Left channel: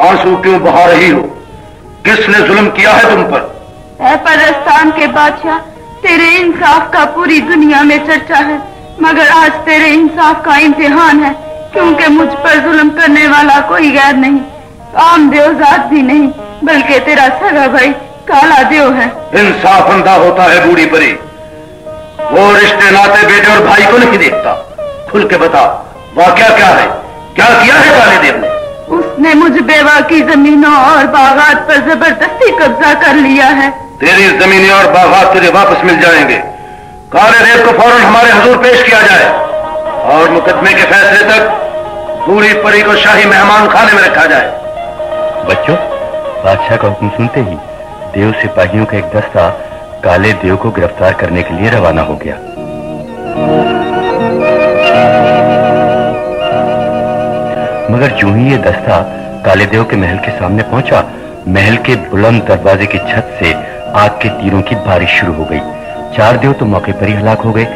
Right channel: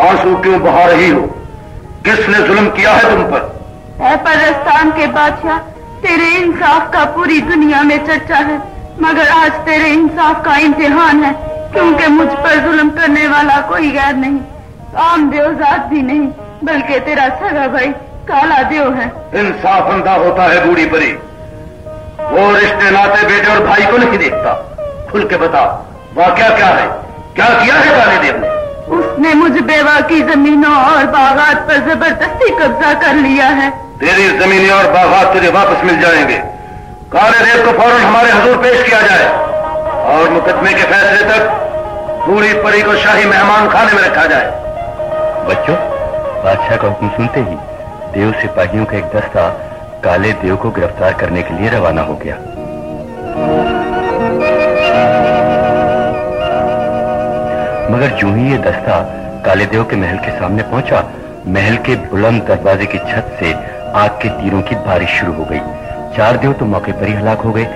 आंसू क्यों बहा रही हो? किसने जुल्म किया है तुम पर? ऐ परस्तान के बादशाह, तेरे इंसाफ का पूरी दुनिया में चर्चा है, मगर आज तेरे इंसाफ का इम्तिहान है, क्योंकि मुझ पर जुल्म करने वाला कोई गैर नहीं, आम देवजात भी नहीं, बल्कि तेरा सगा भाई काला देव है। इंसाफ अंधा होता है बूढ़ी परी, वो रिश्ते नाते बेटे और भाई को नहीं देखता। खुल के बता, वाकया क्या है? क्या किया है काले देव ने? उसने मुझ बेवा की जमीनों और बागात पर जबरदस्ती कब्जा कर लिया है। तेरी जमीनें और बागात तुझे वापस मिल जाएंगे। काले देव को फौरन हमारे हुजूर पेश किया जाए और मुकदमे के फैसले तक बूढ़ी परी को शाही मेहमान खाने में रखा जाए। बच्चों, बादशाह का हुक्म सुनते ही देव सिपाहियों का एक दस्ता काले देव को गिरफ्तार करने के लिए रवाना हो गया। मगर जो ही ये दस्ता काले देव के महल के सामने पहुंचा, महल के बुलंद दरवाजे की छत से आग के तीरों की बारिश शुरू हो गई। 4 देव तो मौके पर ही हलाक हो गए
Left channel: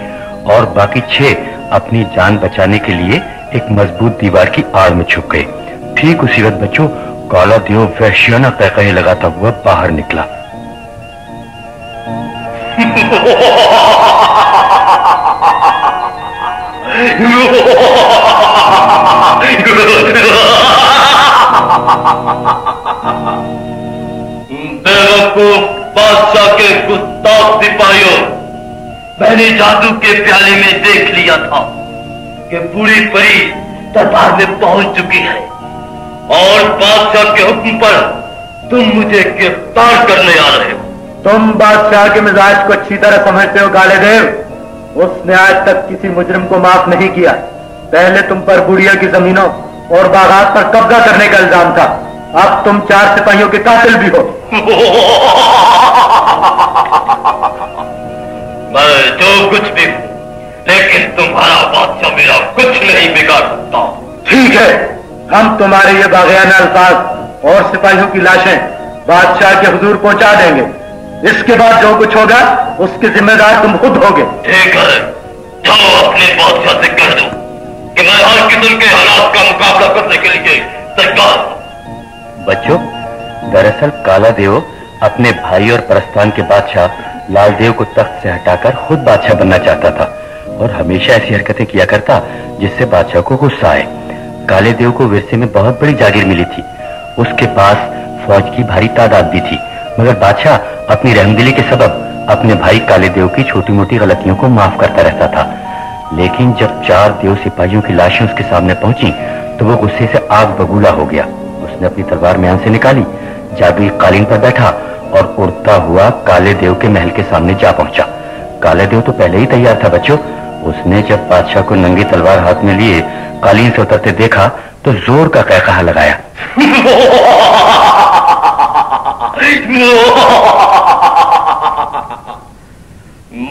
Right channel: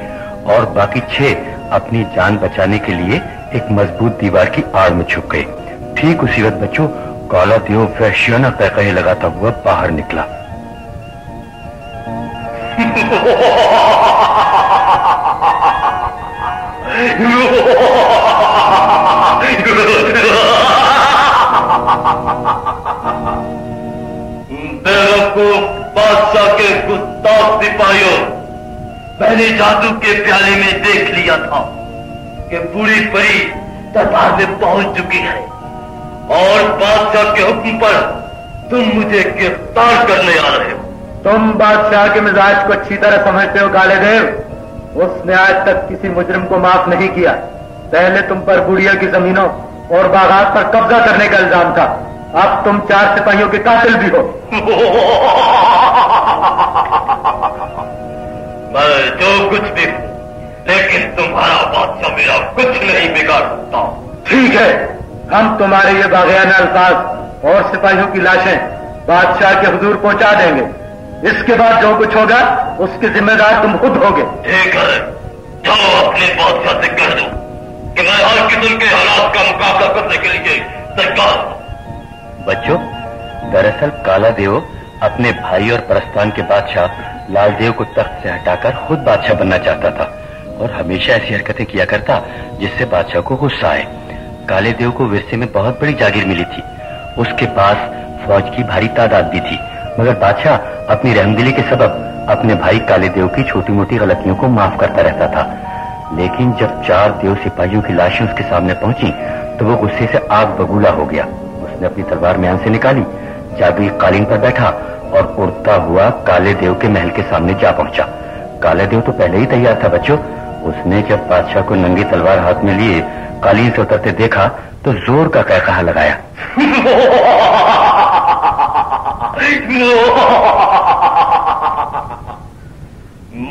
और बाकी 6 अपनी जान बचाने के लिए एक मजबूत दीवार की आड़ में छुप गए। ठीक उसी वक्त बच्चों, काला देव वहशियाना पैकड़े लगाता हुआ बाहर निकला। बेवकूफ बादशाह के गुस्ताख सिपाहियों, मैंने जादू के प्याले में देख लिया था कि बूढ़ी परी दरबार में पहुंच चुकी है और बादशाह के हुक्म पर तुम मुझे गिरफ्तार करने आ रहे हो। तुम बादशाह के मिजाज को अच्छी तरह समझते हो काले देव। उसने आज तक किसी मुजरिम को माफ नहीं किया। पहले तुम पर बुढ़िया की जमीनों और बागात पर कब्जा करने का इल्जाम था, अब तुम 4 सिपाहियों के कातिल भी हो। मैं जो कुछ भी हूं, लेकिन तुम्हारा बादशाह मेरा कुछ नहीं बिगाड़ सकता। ठीक है, हम तुम्हारे ये बाग़ियाना अल्फाज और सिपाहियों की लाशें बादशाह के हुजूर पहुंचा देंगे। इसके बाद जो कुछ होगा उसके जिम्मेदार तुम खुद होगे। ठीक है, जाओ अपने बादशाह से कह दो कि मैं हर किस्म के हालात का मुकाबला करने के लिए तैयार हूं। बच्चों, दरअसल काला देव अपने भाई और परस्तान के बादशाह लाल देव को तख्त से हटाकर खुद बादशाह बनना चाहता था और हमेशा ऐसी हरकतें किया करता जिससे बादशाह को गुस्सा आए। काले देव को विरसे में बहुत बड़ी जागीर मिली थी, उसके पास फौज की भारी तादाद भी थी, मगर बादशाह अपनी रहमदिली के सबब अपने भाई काले देव की छोटी मोटी गलतियों को माफ करता रहता था। लेकिन जब 4 देव सिपाहियों की लाशें उसके सामने पहुंची तो वो गुस्से से आग बबूला हो गया। उसने अपनी तलवार म्यान से निकाली, जादुई कालीन पर बैठा और उड़ता हुआ काले देव के महल के सामने जा पहुंचा। काले देव तो पहले ही तैयार था बच्चों। उसने जब बादशाह को नंगी तलवार हाथ में लिए कालीन से उतरते देखा तो जोर का कहकहा लगाया।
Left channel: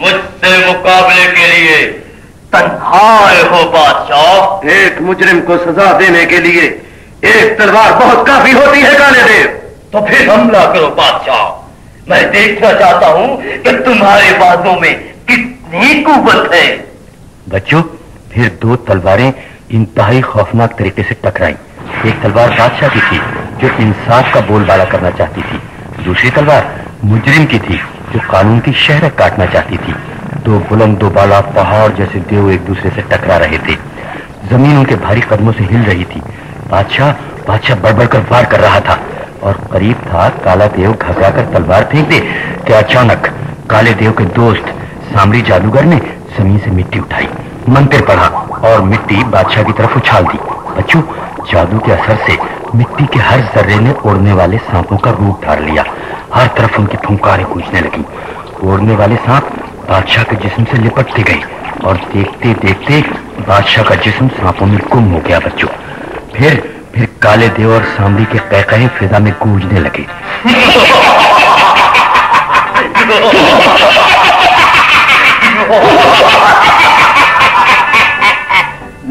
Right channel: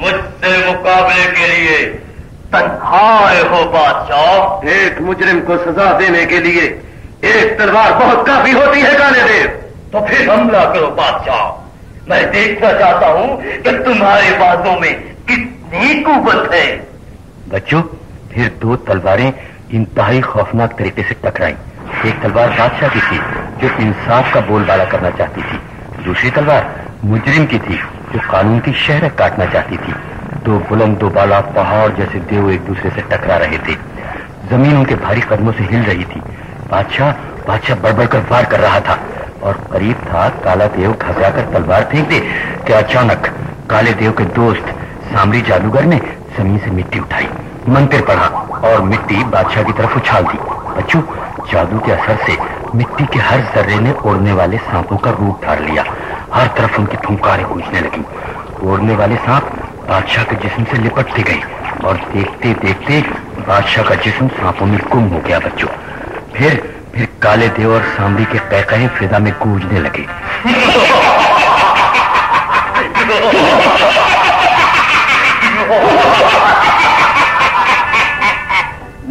मुझसे मुकाबले के लिए तन्हाए हो बादशाह? एक मुजरिम को सजा देने के लिए एक तलवार बहुत काफी होती है काले देव। तो फिर हमला करो बादशाह, मैं देखना चाहता हूं कि तुम्हारे बाजों में कितनी कुव्वत है। बच्चों, फिर 2 तलवारें इंतहाई खौफनाक तरीके से टकराई। एक तलवार बादशाह की थी जो इंसाफ का बोलबाला करना चाहती थी, दूसरी तलवार मुजरिम की थी जो कानून की शहरत काटना चाहती थी। 2 बुलंद 2 बाला पहाड़ जैसे देव एक दूसरे से टकरा रहे थे। जमीन उनके भारी कदमों से हिल रही थी। बादशाह बढ़ कर वार कर रहा था और करीब था काला देव घबराकर तलवार फेंक दे कि अचानक काले देव के दोस्त सामरी जादूगर ने जमीन से मिट्टी उठाई, मंत्र पढ़ा और मिट्टी बादशाह की तरफ उछाल दी। बच्चों, जादू के असर से मिट्टी के हर जर्रे ने उड़ने वाले सांपों का रूप धार लिया। हर तरफ उनकी फुंकारें गूंजने लगी। उड़ने वाले सांप बादशाह के जिस्म से लिपटते गए और देखते देखते बादशाह का जिस्म सांपों में गुम हो गया। बच्चों, फिर काले देव और सांबरी के कहकहे फिजा में गूंजने लगे।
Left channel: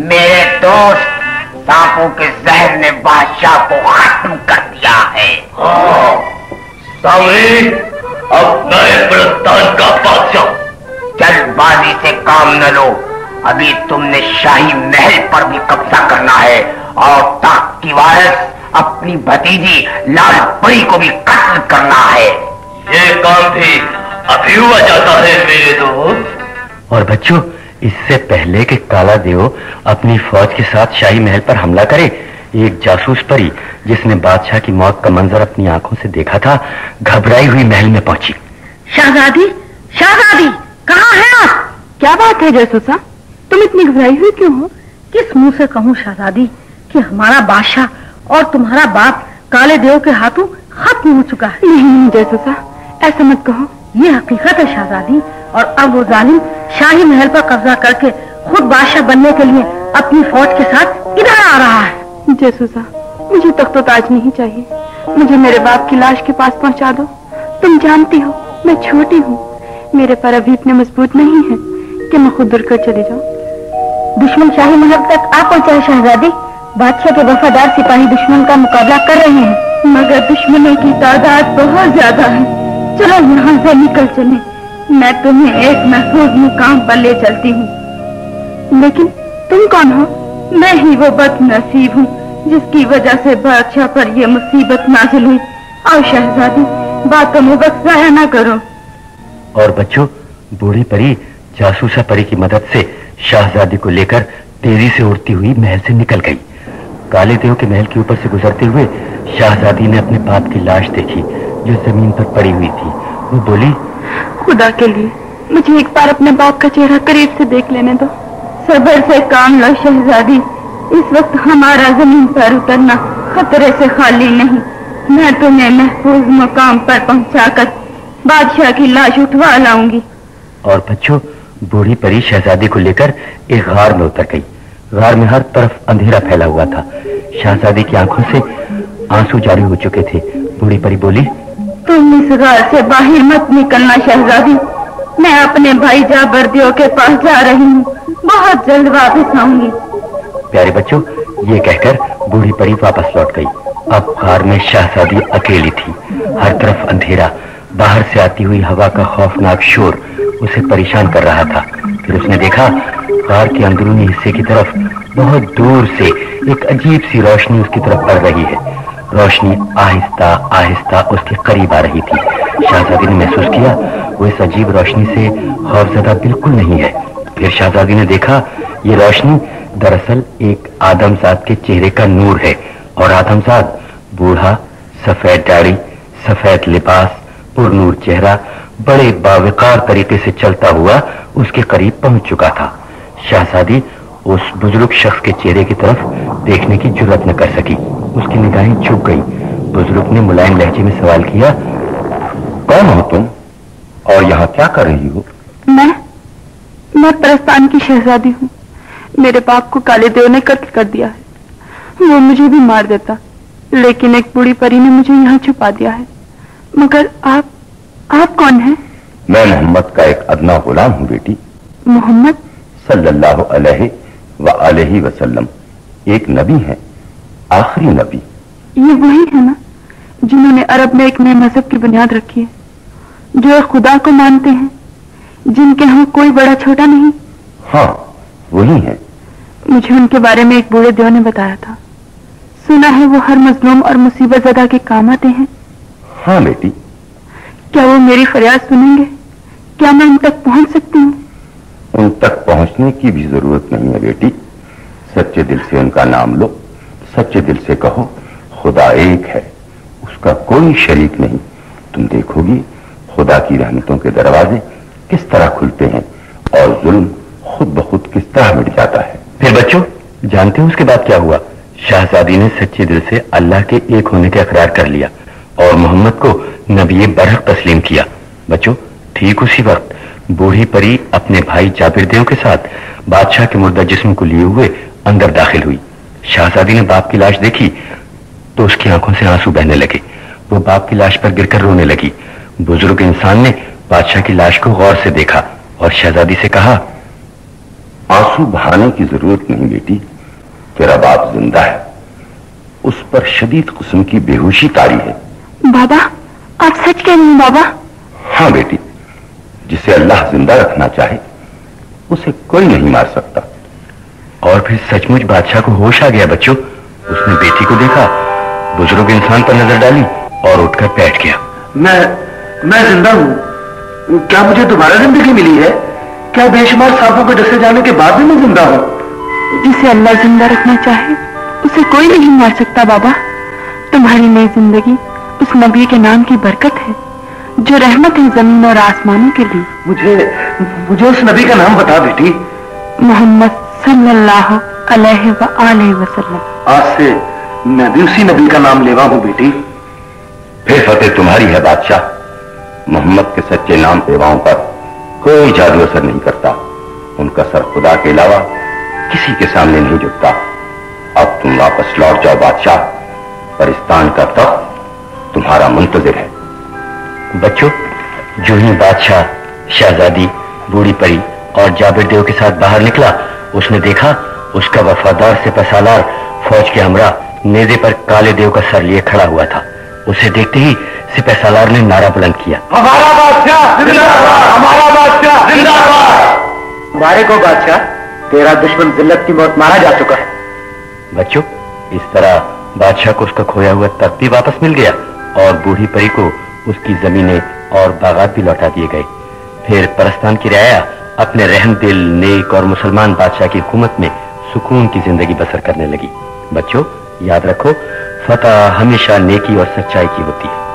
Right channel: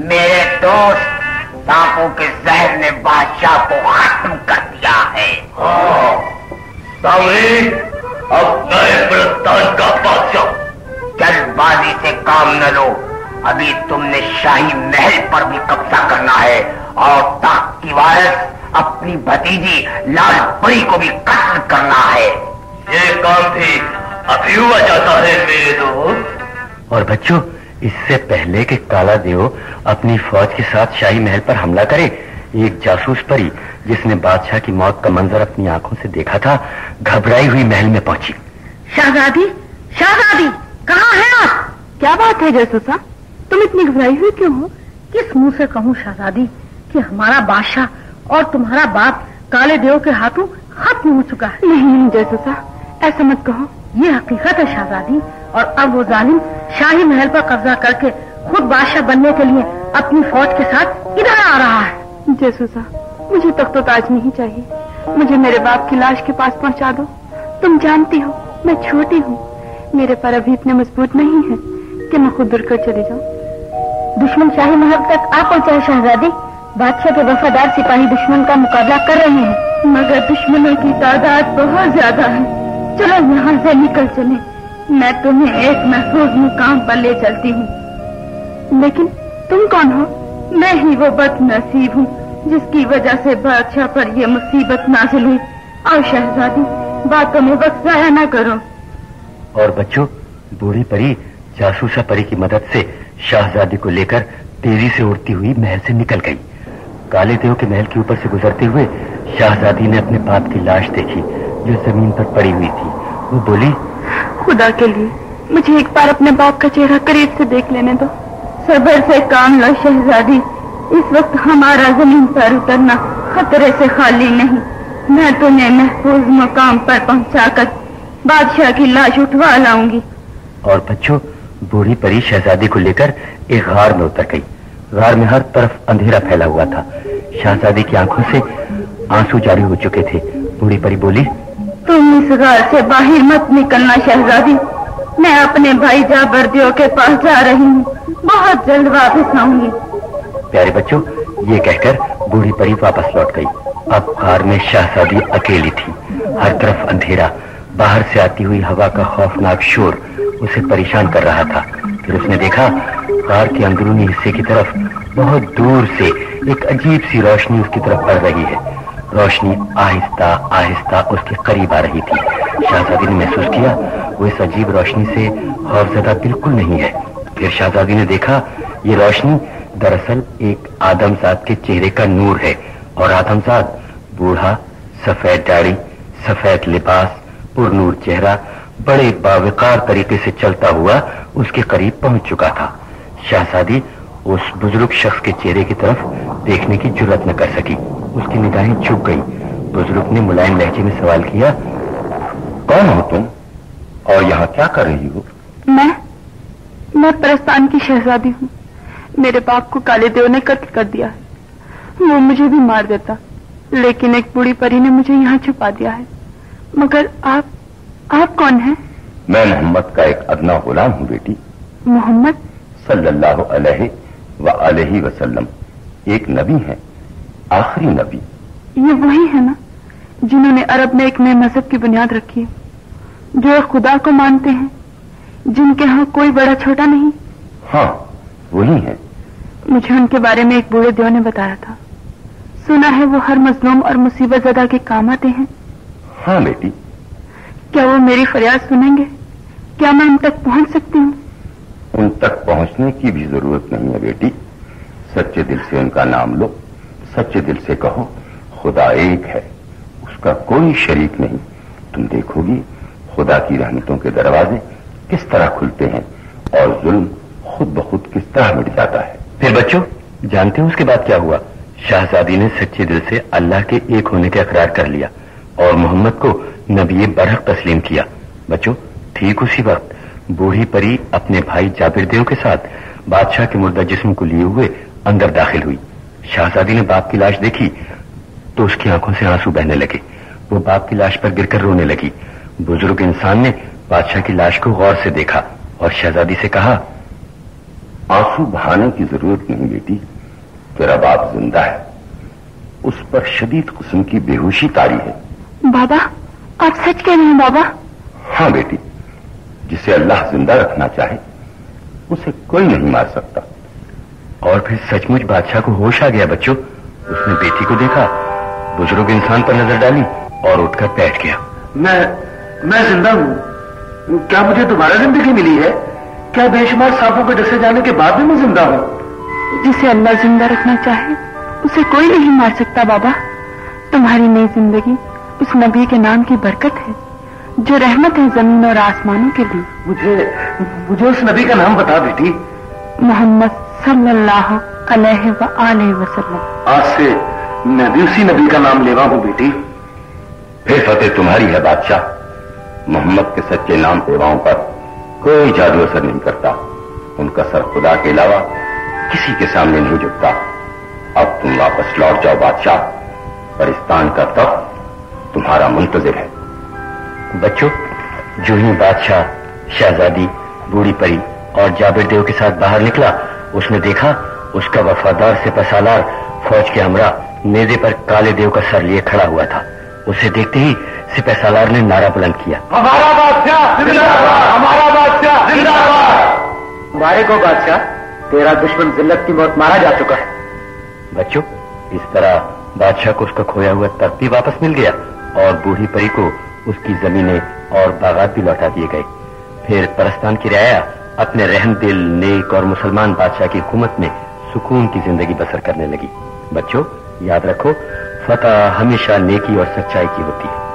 मेरे दोस्त, सांपों के जहर ने बादशाह को खत्म कर दिया है। हाँ, सांबरी, अब मैं परस्तान का बादशाह। जल्दबाजी से काम न लो, अभी तुमने शाही महल पर भी कब्जा करना है और तख्त की उसकी वारिस अपनी भतीजी लाल परी को भी कत्ल करना है। ये काम भी अभी हुआ जाता है मेरे दोस्त। और बच्चों, इससे पहले कि काला देव अपनी फौज के साथ शाही महल पर हमला करे, एक जासूस परी जिसने बादशाह की मौत का मंजर अपनी आंखों से देखा था, घबराई हुई महल में पहुंची। शहजादी, शहजादी, कहाँ हैं आप? क्या बात है जासूसा, तुम इतनी घबराई हुई क्यों हो? किस मुंह से कहूँ शहजादी कि हमारा बादशाह और तुम्हारा बाप काले देव के हाथों खत्म हो चुका है। नहीं जासूसा, ऐसा मत कहो। ये हकीकत है शहजादी, और अब वो जालिम शाही महल पर कब्जा करके खुद बादशाह बनने के लिए अपनी फौज के साथ इधर आ रहा है। जासूसा, मुझे तख्तो ताज नहीं चाहिए, मुझे मेरे बाप की लाश के पास पहुंचा दो। तुम जानती हो मैं छोटी हूँ, मेरे पर अभी इतने मजबूत नहीं है कि मैं खुद उड़कर चली जाऊँ। दुश्मन शाही महल तक आ पहुंचा शहजादी। बादशाह के वफादार सिपाही दुश्मन का मुकाबला कर रहे हैं, मगर दुश्मनों की तादाद बहुत ज्यादा है। चलो यहाँ से निकल चले, मैं तुम्हें एक महफूज मुकाम पर ले चलती हूँ। लेकिन तुम कौन हो? मैं ही वो बदनसीब हूँ जिसकी वजह से बादशाह पर यह मुसीबत नाजिल हुई। और शहजादी, बातों में वक्त जाया न करो। और बच्चों, बूढ़ी परी जासूसा परी की मदद से शहजादी को लेकर तेजी से उड़ती हुई महल से निकल गई। काले देव के महल के ऊपर से गुजरते हुए शहजादी ने अपने बाप की लाश देखी जो जमीन पर पड़ी हुई थी। वो बोली, खुदा के लिए मुझे एक बार अपने बाप का चेहरा करीब से देख लेने दो। सब्र से काम लो शहजादी, इस वक्त हमारा जमीन पर उतरना खतरे से खाली नहीं। मैं तुम्हें महफूज मुकाम पर पहुंचाकर बादशाह की लाश उठवा लाऊंगी। और बच्चों, बूढ़ी परी शहजादी को लेकर एक गार में उतर गई। गार में हर तरफ अंधेरा फैला हुआ था। शहजादी की आंखों से आंसू जारी हो चुके थे। बूढ़ी परी बोली, तुम इस गार से बाहर मत निकलना शहजादी, मैं अपने भाई जाबरदियों के पास जा रही हूँ, बहुत जल्द वापस आऊंगी। प्यारे बच्चों, ये कहकर बूढ़ी परी वापस लौट गई। अब गार में शहजादी अकेली थी। हर तरफ अंधेरा, बाहर से आती हुई हवा का खौफनाक शोर उसे परेशान कर रहा था। फिर उसने देखा गार के अंदरूनी हिस्से की तरफ बहुत दूर से एक अजीब सी रोशनी उसकी तरफ बढ़ रही है। रोशनी आहिस्ता आहिस्ता उसके करीब आ रही थी। शहजादी ने महसूस किया वो इस अजीब रोशनी से खौफजदा बिल्कुल नहीं है। फिर शहजादी ने देखा ये रोशनी दरअसल एक आदमजाद के चेहरे का नूर है, और आदमजाद बूढ़ा, सफेद दाढ़ी, सफेद लिबास, पुरनूर चेहरा, बड़े बावकार तरीके से चलता हुआ उसके करीब पहुंच चुका था। शहजादी उस बुजुर्ग शख्स के चेहरे की तरफ देखने की जुर्रत न कर सकी। उसकी निगाहें झुक गई। बुजुर्ग ने मुलायम लहजे में सवाल किया, कौन हो तुम और यहाँ क्या कर रही हो? मैं परस्तान की शहजादी हूँ। मेरे बाप को काले देव ने कत्ल कर दिया है। वो मुझे भी मार देता, लेकिन एक बूढ़ी परी ने मुझे यहाँ छुपा दिया है। मगर आप कौन हैं? मैं मोहम्मद का एक अदना गुलाम हूँ बेटी। मोहम्मद सल्लल्लाहु अलैहि वसल्लम एक नबी है, आखिरी नबी। ये वही है ना जिन्होंने अरब में एक नए मजहब की बुनियाद रखी है, जो एक खुदा को मानते हैं, जिनके यहाँ कोई बड़ा छोटा नहीं? हाँ, वही है। मुझे उनके बारे में एक बूढ़े देव ने बताया था। सुना है वो हर मजलूम और मुसीबत ज़दा के काम आते हैं। हाँ बेटी। क्या वो मेरी फरियाद सुनेंगे? क्या मैं उन तक पहुंच सकती हूँ? उन तक पहुंचने की भी जरूरत नहीं है बेटी। सच्चे दिल से उनका नाम लो, सच्चे दिल से कहो खुदा एक है, उसका कोई शरीक नहीं। तुम देखोगी खुदा की रहमतों के दरवाजे किस तरह खुलते हैं और जुल्म खुद ब खुद किस तरह मिट जाता है। फिर बच्चों, जानते हो उसके बाद क्या हुआ? शहजादी ने सच्चे दिल से अल्लाह के एक होने का इकरार कर लिया और मोहम्मद को नबी बरहक तस्लीम किया। बच्चों, ठीक उसी वक्त बूढ़ी परी अपने भाई जाबिर देव के साथ बादशाह के मुर्दा जिस्म को लिए हुए अंदर दाखिल हुई। शहजादी ने बाप की लाश देखी तो उसकी आंखों से आंसू बहने लगे। वो बाप की लाश पर गिरकर रोने लगी। बुजुर्ग इंसान ने बादशाह की लाश को गौर से देखा और शहजादी से कहा, आंसू बहाने की जरूरत नहीं बेटी, तेरा बाप जिंदा है, उस पर शदीद किस्म की बेहोशी तारी है। बाबा, आप सच कह रहे हैं बाबा? हाँ बेटी, जिसे अल्लाह जिंदा रखना चाहे उसे कोई नहीं मार सकता। और फिर सचमुच बादशाह को होश आ गया बच्चों। उसने बेटी को देखा, बुजुर्ग इंसान पर नजर डाली और उठकर बैठ गया। मैं जिंदा हूँ। क्या मुझे दोबारा जिंदगी मिली है? क्या बेशुमार सांपों के डसे जाने के बाद भी मैं जिंदा हूँ? जिसे अल्लाह जिंदा रखना चाहे उसे कोई नहीं मार सकता बाबा। तुम्हारी नई जिंदगी उस नबी के नाम की बरकत है जो रहमत है जमीन और आसमानों के लिए। मुझे उस नबी का नाम बता बेटी। मोहम्मद सल्लल्लाहु अलैहि वसल्लम। आज से मैं भी उसी नबी का नाम लेवा हूँ बेटी। फिर फतेह तुम्हारी है बादशाह। मोहम्मद के सच्चे नाम पेवाओं पर कोई जादू असर नहीं करता। उनका सर खुदा के अलावा किसी के सामने नहीं झुकता। अब तुम वापस लौट जाओ बादशाह, परिस्तान का तख्त तुम्हारा मुंतजिर है। बच्चों, जो ही बादशाह, शहजादी, बूढ़ी परी और जाबिर देव के साथ बाहर निकला, उसने देखा उसका वफादार सिपहसालार फौज के हमरा नेज़े पर काले देव का सर लिए खड़ा हुआ था। उसे देखते ही सिपहसालार ने नारा बुलंद किया, हमारा बादशाह जिंदाबाद, हमारा बादशाह जिंदाबाद। मारे को बादशाह, तेरा दुश्मन जिल्लत की मौत मारा जा चुका है। बच्चों, इस तरह बादशाह को उसका खोया हुआ तख्त भी वापस मिल गया और बूढ़ी परी को उसकी जमीनें और बागात भी लौटा दिए गए। फिर परस्तान की रियाया अपने रहम दिल, नेक और मुसलमान बादशाह की हुकूमत में सुकून की जिंदगी बसर करने लगी। बच्चों, याद रखो, फतह हमेशा नेकी और सच्चाई की होती है।